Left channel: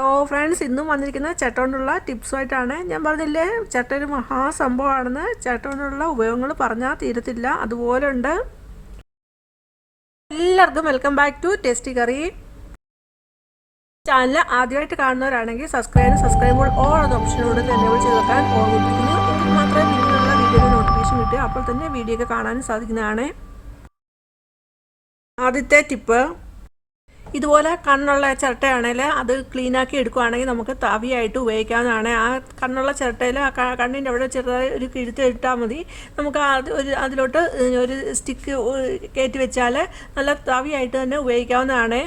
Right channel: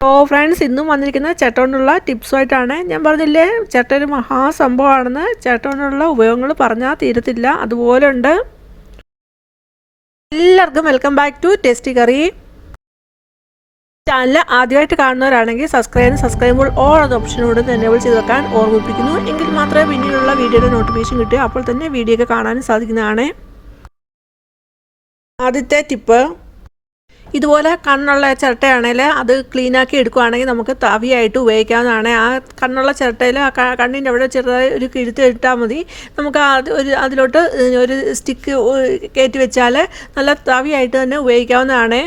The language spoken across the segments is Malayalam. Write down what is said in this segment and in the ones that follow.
ഫ്രണ്ട്സ്, ഇന്നും വന്നിരിക്കുന്ന ചട്ട കൊണ്ടുള്ള ടിപ്സുമായിട്ടാണ്. ഞാൻ പറഞ്ഞില്ലേ, ചട്ട ഒരു മഹാസംഭവമാണെന്ന്. ചട്ട കൊണ്ടുള്ള ഉപയോഗങ്ങൾ പറഞ്ഞാൽ തീരത്തില്ല, അതുപോലെ ഉണ്ട്. എല്ലാവർക്കും welcome back to tasty curry. Channel ആദ്യമായിട്ട് കാണുന്നവരാണെങ്കിൽ സബ്സ്ക്രൈബ് ഓൾ എന്ന ഓപ്ഷനോട് എനേബിൾ ചെയ്ത് വെക്കാൻ ഓർമ്മിപ്പിക്കുന്നു. എങ്കിൽ മാത്രമേ പിന്നീടുള്ള വീഡിയോയുടെ നോട്ടിഫിക്കേഷൻ കിട്ടുക. അപ്പോൾ തന്നെ വീഡിയോ ഒക്കെ കാണാനും സാധിക്കുന്നതാണ്. ആദ്യത്തെ ടിപ്പ്, ഇതുപോലെ കണ്ണുള്ള ചിരട്ടയാണെങ്കിൽ അത് ക്ലീനാക്കി എടുക്കുകയാണെങ്കിൽ നമുക്ക് തവിയായിട്ട് ഉപയോഗിക്കാവുന്നതാണ്. ആ കണ്ണുള്ള ചിരട്ടയിൽ ആ കണ്ണിൻ്റെ അവിടെ ചെറുതായി ഒരു കിഴുത്ത് ഇട്ടാൽ മതി. നമുക്ക് അതിലോട്ട് ഒരു സ്റ്റിക്ക് കയറ്റി വെച്ചാൽ നല്ല തവിയായിട്ട് തന്നെ ഉപയോഗിക്കാവുന്നതാണ്.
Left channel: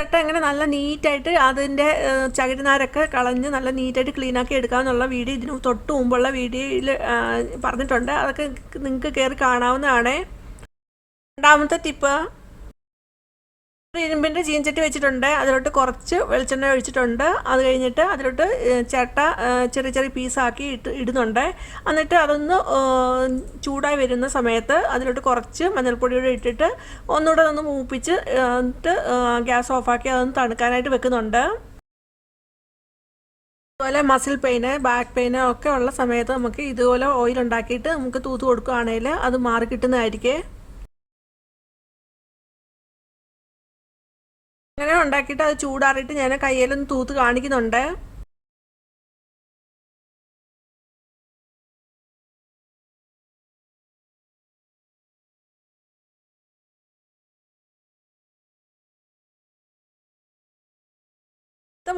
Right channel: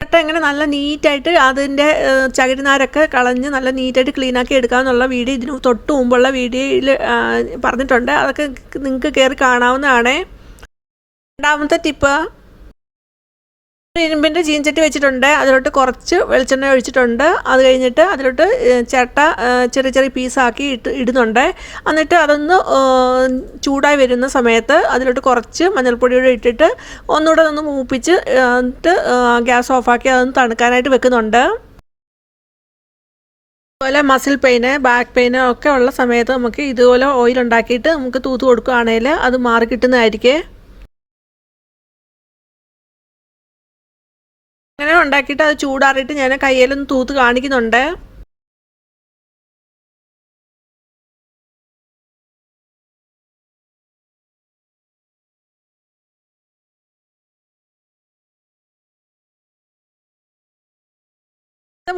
ചിരട്ട എങ്ങനെ നല്ല നീറ്റായിട്ട് അതിൻ്റെ ചകിരിനാരൊക്കെ കളഞ്ഞ് നല്ല നീറ്റായിട്ട് ക്ലീനാക്കി എടുക്കാമെന്നുള്ള വീഡിയോ ഇതിന് തൊട്ട് മുമ്പുള്ള വീഡിയോയിൽ പറഞ്ഞിട്ടുണ്ട്. അതൊക്കെ നിങ്ങൾക്ക് കയറി കാണാവുന്നതാണ്. രണ്ടാമത്തെ ടിപ്പ്, ഇരുമ്പിൻ്റെ ചീൻചട്ടി വെച്ചിട്ടുണ്ട്. അതിലോട്ട് കുറച്ച് വെളിച്ചെണ്ണ ഒഴിച്ചിട്ടുണ്ട്. അത് കഴിഞ്ഞിട്ട് അതിലോട്ട് ചിരട്ട ചെറിയ ചെറിയ പീസാക്കി ഇടുന്നുണ്ട്. എന്നിട്ട് അതൊന്ന് ചൂടായി വരുന്ന സമയത്ത് അതിലോട്ട് കുറച്ച് മഞ്ഞൾപ്പൊടിയോടെ ഇട്ടിട്ട് ഒന്നുകൂടെ ഒന്ന് മൂപ്പിച്ച് എന്നിട്ട് ഗ്യാസ് ഓഫാക്കി അതൊന്ന് തണുക്കാനായിട്ട് വെക്കുന്നുണ്ട്. അതുപോലെ മസിൽ പെയിന്, ബാക്ക് പെയിന് ഒക്കെ ഉള്ള സമയത്ത് നമുക്ക് ഇതുപോലെ ഓയിൽ ഉണ്ടാക്കിയിട്ട് നമുക്ക് തൂത്ത് കൊടുക്കുകയാണെങ്കിൽ അത് മാറി കിട്ടുന്നതായിരിക്കും. അങ്ങനെ ഉണ്ടാക്കിയിട്ട് അത് ചൂടാറിയിട്ട് ഞാൻ കയ്യിലൊന്ന് തൂത്ത് കാണിക്കുന്നുണ്ട്.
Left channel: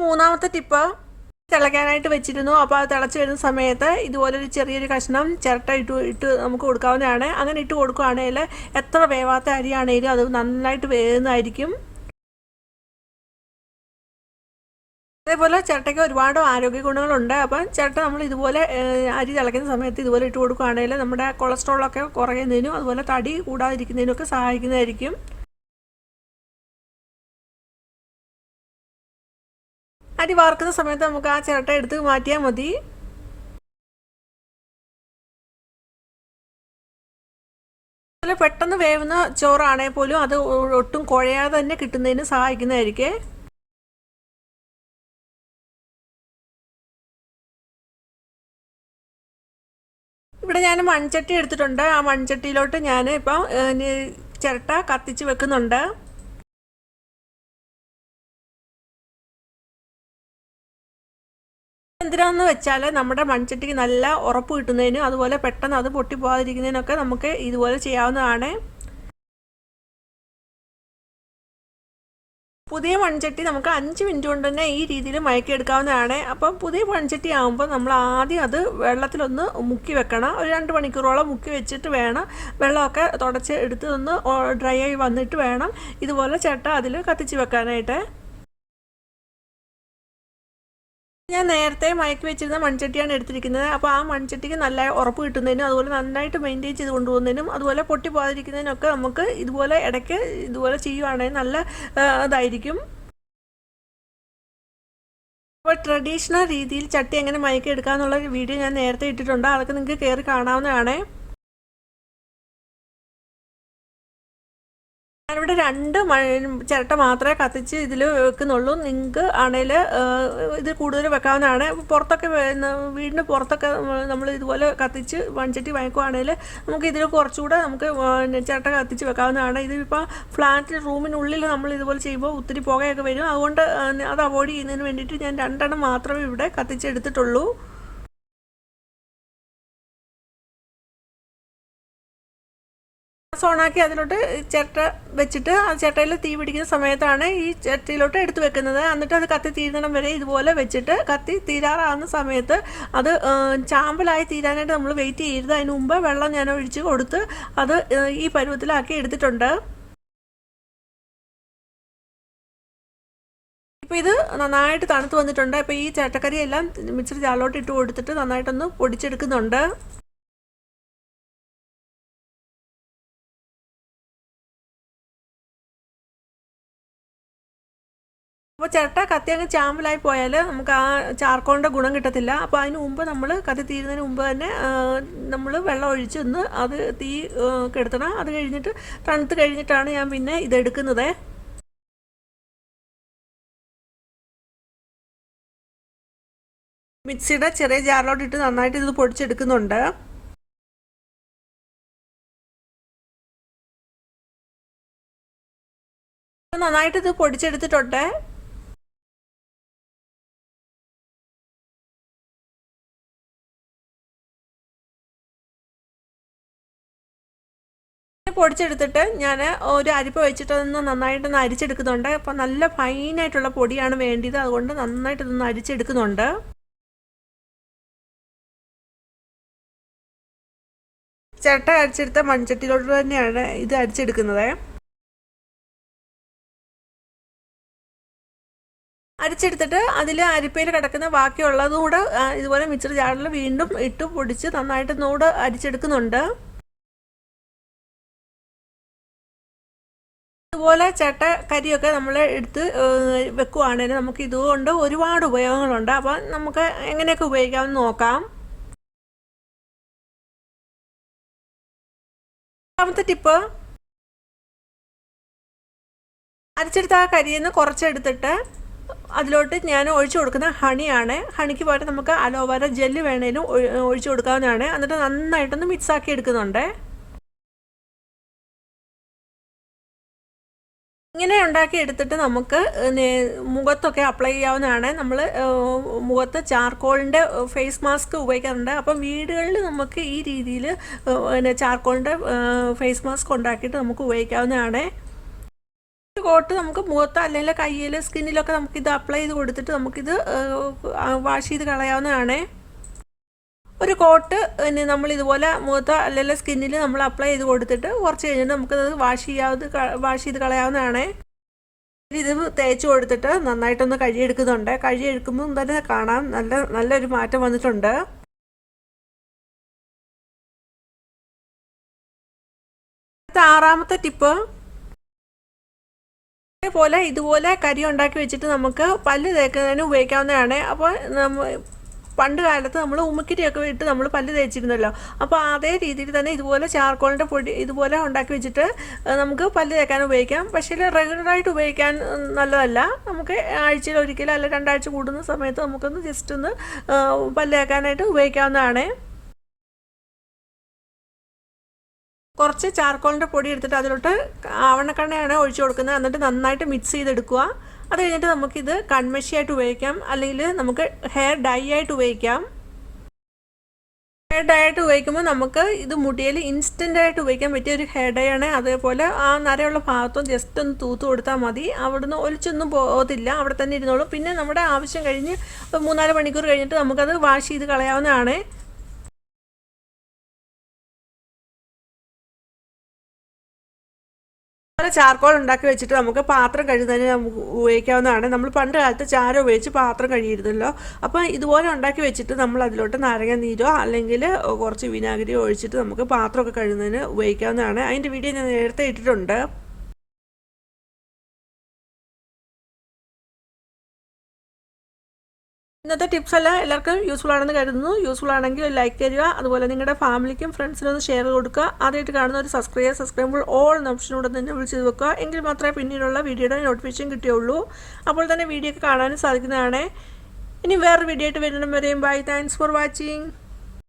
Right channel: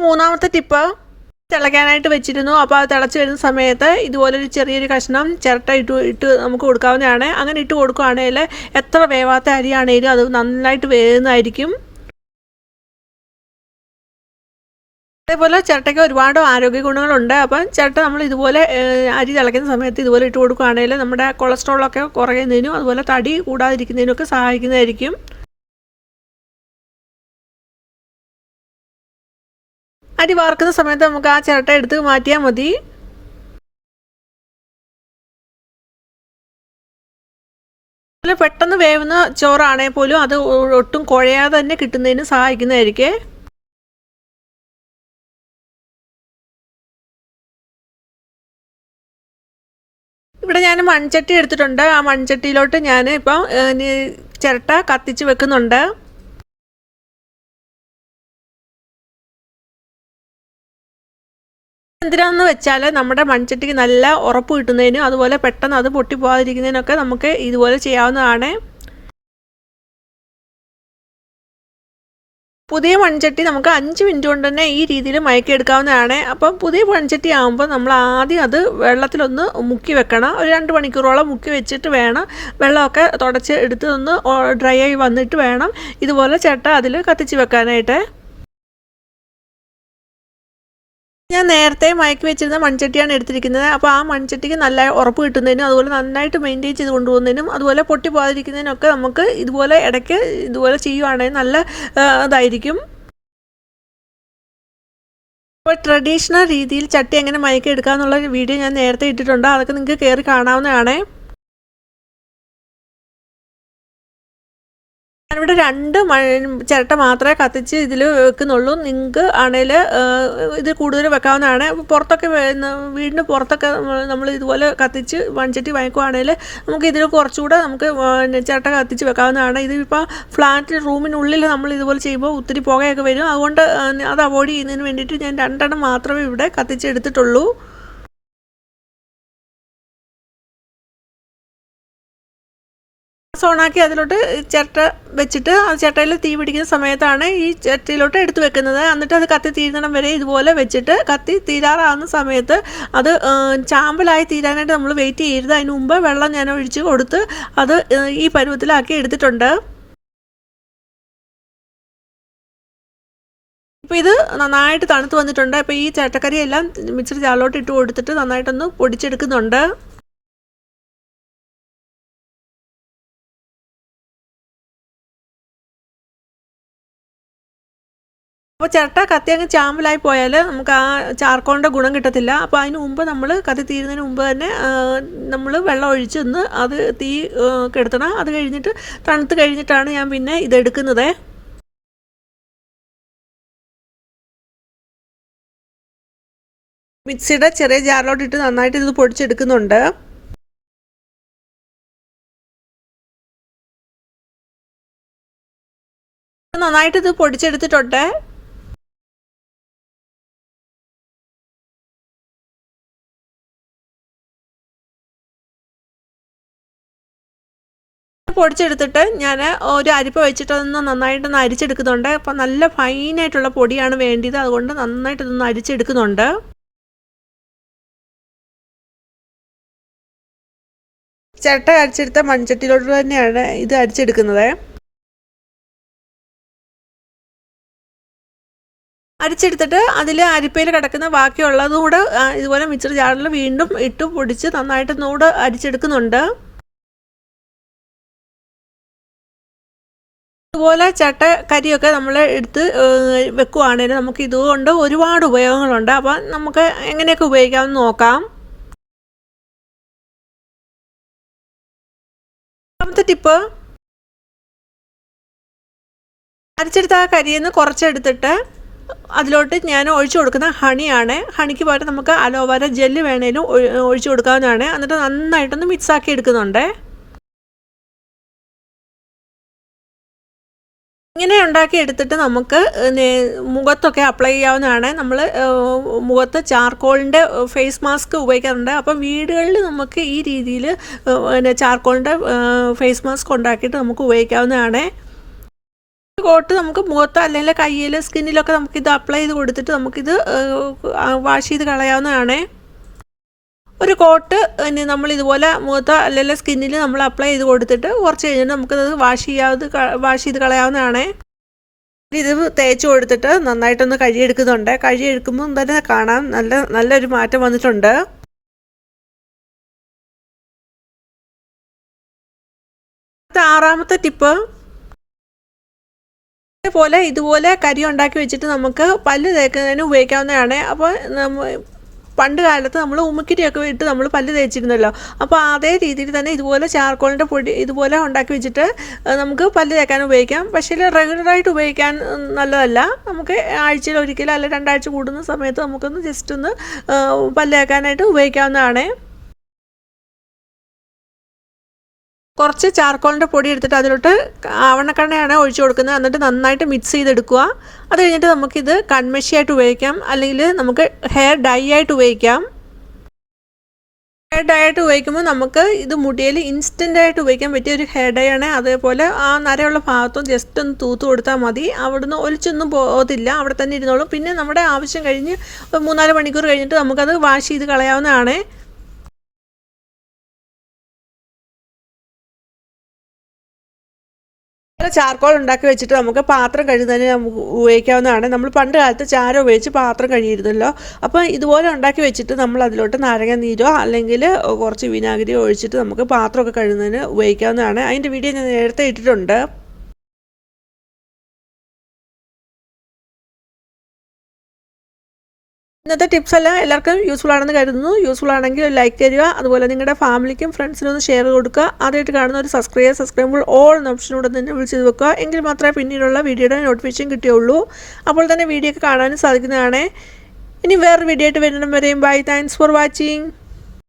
മൂന്നാമത്തെ ടിപ്പ്, തിളയ്ക്കാനായിട്ട് വെച്ചിരുന്നു. അപ്പോൾ അത് തിളച്ച് വരുന്ന സമയത്ത് ഇതുപോലൊരു ചെറിയൊരു കഷ്ണം ചിരട്ട ഇട്ട് നമുക്ക് കൊടുക്കാവുന്നതാണ്. അങ്ങനെ ഇട്ട് കൊടുക്കുകയാണെങ്കിൽ എത്ര വേവാത്ത അരിയാണെങ്കിലും അത് നന്നായിട്ട് വേവുന്നതായിരിക്കും. അതേപോലെ ചിരട്ടയ്ക്ക് ഒരുപാട് ആരോഗ്യ ഗുണങ്ങളുണ്ട്. അപ്പം ചിരട്ട നമ്മൾ ഇതുപോലെ അരി തിളയ്ക്കുന്ന സമയത്ത് ഇതുപോലെ ഇട്ട് കൊടുക്കുകയാണെങ്കിൽ നമ്മുടെ കൊളസ്ട്രോളൊക്കെ കുറയുന്നതിനും അതുപോലെ തടി കൂടാതിരിക്കുന്നതിനൊക്കെ സഹായിക്കുന്നതായിരിക്കും. അരി വാർക്കുന്ന സമയത്ത് നമുക്ക് ആ ചിരട്ട എടുത്ത് മാറ്റിയാൽ മതി. അതുപോലെ പെട്ടെന്ന് വേവുന്ന ചോറാണെങ്കിൽ പോലും അത് ഒട്ടും കുഴയാതെ തന്നെ കിട്ടുന്നതിന് സഹായിക്കുന്നതായിരിക്കും. ഇവിടെ ഞാൻ മൺചട്ടി എടുത്തിട്ടുണ്ട്. ആ മൺചട്ടിയിലോട്ട് ഞാൻ ഇപ്പം ചിരട്ട കത്തിച്ച് വെക്കുന്നുണ്ട്. എന്തിനാന്ന് വെച്ചാൽ നമ്മുടെ മൺചട്ടിക്ക് നല്ല ഉറപ്പ് കിട്ടുന്നതിനും അതുപോലെ പെട്ടെന്ന് അത് പൊട്ടിപ്പോകാതിരിക്കുന്നതിനൊക്കെ നമുക്ക് ഇതുപോലെ ചെയ്യാവുന്നതാണ്. പുതിയ മൺചട്ടി നമുക്ക് 5 മിനിറ്റ് കൊണ്ട് തന്നെ ഈ രീതിയിൽ മയക്കിയെടുക്കാവുന്നതാണ്. അപ്പം പുതിയ മൺചട്ടി ആകുമ്പോൾ നമ്മൾ ആദ്യം അത് വെള്ളത്തിലൊന്ന് മുക്കി വെക്കണം. ഒരു 2 മണിക്കൂറോളം മുക്കി വെച്ചിട്ട് വേണം വെള്ളമൊക്കെ തുടച്ച് എടുത്ത് ഒന്ന് ഡ്രൈ ആയി വന്നിട്ട് വേണം ഇതുപോലെ ചിരട്ട അതിൽ കത്തിച്ച് വെക്കാനായിട്ട്. ഞാൻ നേരത്തെ മയക്കി വെച്ചിരുന്ന മൺചട്ടിയാണ് എടുത്തിരിക്കുന്നത്. അപ്പോൾ ആ മൺചട്ടിക്ക് നല്ല ഉറപ്പ് കിട്ടുന്നതിനും അതുപോലെ നന്നായിട്ട് മെയിൻറ്റെയിൻ ചെയ്ത് കൊണ്ടുപോകുന്നതിനും അതുപോലെ പൊട്ടി പോകാതിരിക്കുന്നതിനൊക്കെ നമുക്ക് ഇതുപോലെ ഇടയ്ക്ക് ഇതുപോലെ ചെയ്യുവാണെങ്കിൽ നല്ല ഇതായിരിക്കും. അപ്പോൾ ട്രഡീഷണൽ രീതിയിൽ ചട്ടി എങ്ങനെ മയക്കി എടുക്കുക എന്നുള്ള വീഡിയോ ഞാൻ നേരത്തെ ഇട്ടിട്ടുണ്ട്. അതൊക്കെ നിങ്ങൾക്ക് കയറി കാണാവുന്നതാണ്. ഞാനിവിടെ 2 ചിരട്ട മാത്രമേ കത്തിച്ച് ഇതിൽ വെക്കുന്നുള്ളൂ. നിങ്ങൾക്ക് ആണെങ്കിൽ ഇത് കൂടുതൽ വെക്കാവുന്നതാണ്. പുറത്തൊക്കെ വീടിന് പുറത്തൊക്കെ നമ്മൾ ഇതുപോലെ കത്തിച്ച് മൺചട്ടി വാങ്ങിക്കുവാണെങ്കിൽ നമുക്ക് ഇതിൽ കുറച്ചുകൂടെ നമുക്ക് ചിരട്ട കത്തിച്ച് വെക്കാവുന്നതാണ്. ഇതിപ്പോൾ ഫ്ലാറ്റ് റൂമിനുള്ളിൽ നമ്മൾ ഇതുപോലെ ചെയ്യുമ്പോൾ ഒത്തിരി പുകയൊക്കെ വരും. അതുകൊണ്ട് അത് അവോയ്ഡ് ചെയ്യുന്നതിന് വേണ്ടിയിട്ട് ഞാൻ 2 മാത്രമേ ഇവിടെ കത്തിച്ചെടുത്തിട്ടുള്ളൂ. ഓണാക്കി അതിലോട്ട് ചിരട്ട വെച്ചിട്ട് ആ ചിരട്ടയിൽ തീ പിടിക്കുന്ന സമയത്താണ് ഈ ചിരട്ടയിലോട്ട് എടുത്ത് വെക്കുന്നത്. എന്നിട്ട് അത് കത്തി തീരുന്നിടം വരെ ഇതുപോലെ വെച്ചിട്ട് കത്തി തീരാറാകുന്ന സമയത്ത് അത് ചാമ്പലായി തീരാനായിട്ട് നമ്മൾ വെയിറ്റ് ചെയ്യരുത്. അതിന് മുമ്പ് വെള്ളം ഞാൻ ഒഴിച്ച് കൊടുത്ത് അത് ഈ പരുവത്തിലാക്കി എടുത്തിട്ടുണ്ട്. ഇപ്പോൾ ഇത് നന്നായിട്ട് തണുത്ത് വന്നിട്ടുണ്ട്. അപ്പോൾ ഈ ചിരട്ടക്കറിയെല്ലാം മിക്സർ ജാറിലോട്ട് ഇട്ട് കൊടുത്തിട്ട് നന്നായിട്ടൊന്ന് പൊടിച്ചെടുക്കുന്നുണ്ട്. അപ്പോൾ ചിരട്ട കത്തി അങ്ങ് ചാമ്പലായി പോയാൽ നമുക്ക് ആ ചാർക്കോളിൻ്റെ ഗുണം കിട്ടത്തില്ല. അപ്പോൾ അതിന് മുമ്പ് നമ്മൾ കത്തി തീരുന്നതിന് മുമ്പ് തന്നെ നമ്മൾ വെള്ളം ഒഴിച്ചൊന്ന് അത് തീ കെടുത്തണം. അത് കഴിഞ്ഞിട്ട് തണുത്ത് കഴിഞ്ഞിട്ടാണ് ഞാൻ പിന്നെ ഇതെടുക്കുന്നത്. മിക്സിയുടെ ചെറിയ ജാറിലോട്ട് ഇട്ട് നന്നായിട്ട് ഇത് പൊടിച്ചെടുക്കുന്നുണ്ട്. നന്നായിട്ട് ഇത് പൊടിച്ചെടുത്തിട്ടുണ്ട്. പൊടിച്ചെടുത്തിട്ട് ഞാൻ ഒരു അരിപ്പ വെച്ചിട്ട് അതൊന്ന് നന്നായിട്ടൊന്ന് അരിച്ചെടുക്കുന്നുണ്ട്. അപ്പം നല്ല ഫൈനായിട്ടുള്ള പൊടിയാണ് വേണ്ടത്, അതുകൊണ്ട് നന്നായിട്ട് ഇതൊന്ന് അരിച്ചെടുക്കുന്നുണ്ട്. ചിരട്ട അരിച്ചെടുത്ത മൺചട്ടിയിലോട്ട് തന്നെയാണ് ഇത് അരിച്ചെടുക്കുന്നത്. അരിച്ചെടുത്തിട്ട് അതിൽ അരിപ്പയിൽ കിടക്കുന്ന ബാക്കിയുള്ളതും കൂടെ ഇതുപോലെ മിക്സർ ജാറിൽ വീണ്ടും ഇട്ട് പൊടിച്ച് നന്നായിട്ട് ഒന്നുകൂടെ അരിച്ചെടുക്കുന്നുണ്ട്. ഇതുപോലെ ചട്ട കരിയൊക്കെ നമ്മൾ എടുത്ത് വെക്കുവാണെങ്കിൽ നമുക്ക് ഇതുകൊണ്ട് ഒരുപാട് ഉപയോഗങ്ങളുണ്ട്. അപ്പം നമുക്ക് എങ്ങനെയൊക്കെ ഉപയോഗിക്കാമെന്ന് നോക്കാം. രണ്ടാമത്തെ ടിപ്പ്, അരച്ചെടുത്ത ആ കരിയിൽ നിന്ന് കുറച്ചെടുത്തിട്ട് അതിലോട്ട് ഞാൻ ഒഴിച്ചു കൊടുക്കുന്ന ഹണിയാണ്. ഹണിക്ക് പകരം നമുക്ക് അലോവേര ജെല്ല് വേണേലും ഒഴിച്ചു കൊടുക്കാവുന്നതാണ്. എന്നിട്ട് നന്നായിട്ടൊന്ന് മിക്സാക്കി എടുക്കുന്നുണ്ട്. ഇങ്ങനെ ഉണ്ടാക്കി എടുത്തിട്ട് നമുക്ക് മുഖത്തൊക്കെ അപ്ലൈ ചെയ്യാവുന്നതാണ്. നമ്മൾ മുഖത്ത് ചാർക്കോളിൻ്റെ ഫേസ് മാസ്ക് ഉപയോഗിക്കാറുണ്ട്. അപ്പം വീടുകളിൽ നമുക്ക് ഈ രീതിയിൽ ചാർക്കോളിൻ്റെ ഫേസ് മാസ്ക് ഉണ്ടാക്കിയിട്ട് നമുക്ക് ഉപയോഗിക്കാവുന്നതാണ്. ഒരു കോട്ട് നമുക്ക് മുഖത്ത് അല്ലെങ്കിൽ കയ്യിൽ സ്കിന്നിലൊക്കെ നമുക്കിത് അപ്ലൈ ചെയ്ത് കൊടുത്തിട്ട് നമുക്കിത് വാഷ് ചെയ്ത് കളയാവുന്നതാണ്. ഒരു കോട്ട് നമ്മൾ ഇതുപോലെ മുഖത്ത് അല്ലെങ്കിൽ സ്കിന്നിൽ നമ്മൾ അപ്ലൈ ചെയ്ത് കൊടുത്തിട്ട് കുറച്ച് കഴിഞ്ഞിട്ട് നമുക്കത് വാഷ് ചെയ്ത് കളയാവുന്നതാണ്. ഇത് തേച്ച് കൊടുത്തിട്ട് നന്നായിട്ടൊന്ന് കഴുകിയെടുക്കുന്നുണ്ട്. കഴുകിയെടുക്കുമ്പോൾ തന്നെ കാണാൻ നല്ലൊരു മാറ്റം വന്നിട്ടുണ്ട്. ആറാമത്തെ ടിപ്പ്, അതേപോലെ ഇതുപോലെ കരി ഉണ്ടാക്കി വെച്ചിട്ട് നമുക്ക് പല്ല് തേക്കുന്നതിന് ഉപയോഗിക്കാവുന്നതാണ്. അപ്പോൾ പണ്ട് കാലത്ത് നമ്മൾ ഉമ്മിക്കിരിയൊക്കെ ഇട്ട് നമ്മൾ പല്ല് തേച്ചിരുന്നല്ലോ. അപ്പോൾ അതേ രീതിയിൽ തന്നെ ഇതുപോലെ ചാർക്കോളിൻ്റെ പൊടി ഇതുപോലെ ഉണ്ടാക്കി വെച്ചിട്ട് നമുക്ക് പല്ല് തേക്കാൻ ഉപയോഗിക്കാം. പക്ഷേ റെഗുലറായിട്ട് ഉപയോഗിക്കാൻ നല്ലതല്ല. നമുക്ക് ആഴ്ചയിൽ ഒരിക്കലും അല്ലെങ്കിൽ 2 ആഴ്ച കൂടുന്ന സമയത്ത് നമുക്കൊന്ന് ജസ്റ്റ് ഒന്ന് പല്ല് തേക്കാനായിട്ട് ഉപയോഗിക്കാവുന്നതാണ്. കുറച്ച് ചാർക്കോളിൻ്റെ പൊടി എടുത്തിട്ട് അതിലോട്ട് ആവണക്കണ്ണയാണ് ഒഴിച്ചു കൊടുക്കുന്നത്. എന്നിട്ട് നന്നായിട്ട് മിക്സ് ചെയ്തെടുക്കുക. അത് കഴിഞ്ഞിട്ട് നമുക്കിത് കൺമഷിയായിട്ട് ഉപയോഗിക്കാം, അല്ലെങ്കിൽ നമുക്ക് ഹെയർ ഡൈ ആയിട്ട് ഉപയോഗിക്കാം. ഹെയർ ഡൈ ആയിട്ട് ഉപയോഗിക്കുമ്പോൾ നമുക്ക് ഇത് മുടിയിൽ ഇൻസ്റ്റൻ്റായിട്ട് ഉപയോഗിക്കാൻ പറ്റിയ ഒരു ഹെയർ ഡൈ ആണ്. അതേപോലെ ആ നരയുള്ള ഭാഗത്തും ജസ്റ്റ് ഒന്ന് തൂത്ത് കൊടുത്താൽ മതി. അവിടുന്ന് ഒലിച്ചൊന്നും പോകത്തില്ല, അവിടെ തന്നെ ഇരുന്നോളും. പിന്നെ നമ്മുടെ ആവശ്യം കഴിഞ്ഞ് 3-4 മണിക്കൂർ കഴിഞ്ഞിട്ട് നമുക്കത് വാഷ് ചെയ്ത് കളയാവുന്നതാണ്. ചാർക്കോൾ ഉണ്ടാക്കി വെച്ചിട്ട് നമുക്ക് പാത്രം കഴുകുന്നതിന് നമുക്ക് ഉപയോഗിക്കാവുന്നതാണ്. നമ്മൾ പണ്ട് കാലത്ത് ചാരം ഉപയോഗിച്ച് പാത്രം കഴുകിയിരുന്നല്ലോ. അപ്പോൾ ഇതുപോലെ ഉണ്ടാക്കി വെച്ചിട്ട് നമ്മൾ അതിലോട്ട് നാരങ്ങ നീരോ അല്ലെങ്കിൽ കുറച്ച് വിനാഗിരിയോ ഒഴിച്ചിട്ട് നമുക്ക് പാത്രമൊക്കെ കഴുകുന്നതിന് ഉപയോഗിക്കാവുന്നതാണ്. അതിൻ്റെ വീഡിയോ ഞാൻ നേരത്തെ ഇട്ടിട്ടുണ്ട്. ഇന്നത്തെ ടിപ്സ് എല്ലാം എല്ലാവർക്കും യൂസ്ഫുൾ ആണെന്ന് കരുതുന്നു. യൂസ്ഫുൾ ആണെങ്കിൽ ലൈക്ക് തരിക. അതുപോലെ നിങ്ങളുടെ ഫാമിലിക്കും ഫ്രണ്ട്സിനും ഒന്ന് ഷെയർ കൊടുക്കുക. ആദ്യമായിട്ട് കാണുന്ന ഒരു സബ്സ്ക്രൈബ് ഓൾ എന്ന ഓപ്ഷനോട് തന്നെ വിളിച്ച് വെക്കുക. എങ്കിൽ മാത്രമേ പിന്നീടുള്ള വീഡിയോയുടെ നോട്ടിഫിക്കേഷൻ കിട്ടുകയുള്ളൂ. അപ്പോൾ തന്നെ വീഡിയോ ഒക്കെ കാണാനും സാധിക്കുന്നതാണ്. ഇനി വേറൊരു വീഡിയോ ആയിട്ട് വരുന്നതും വരെയും ബൈ. Thanks for watching.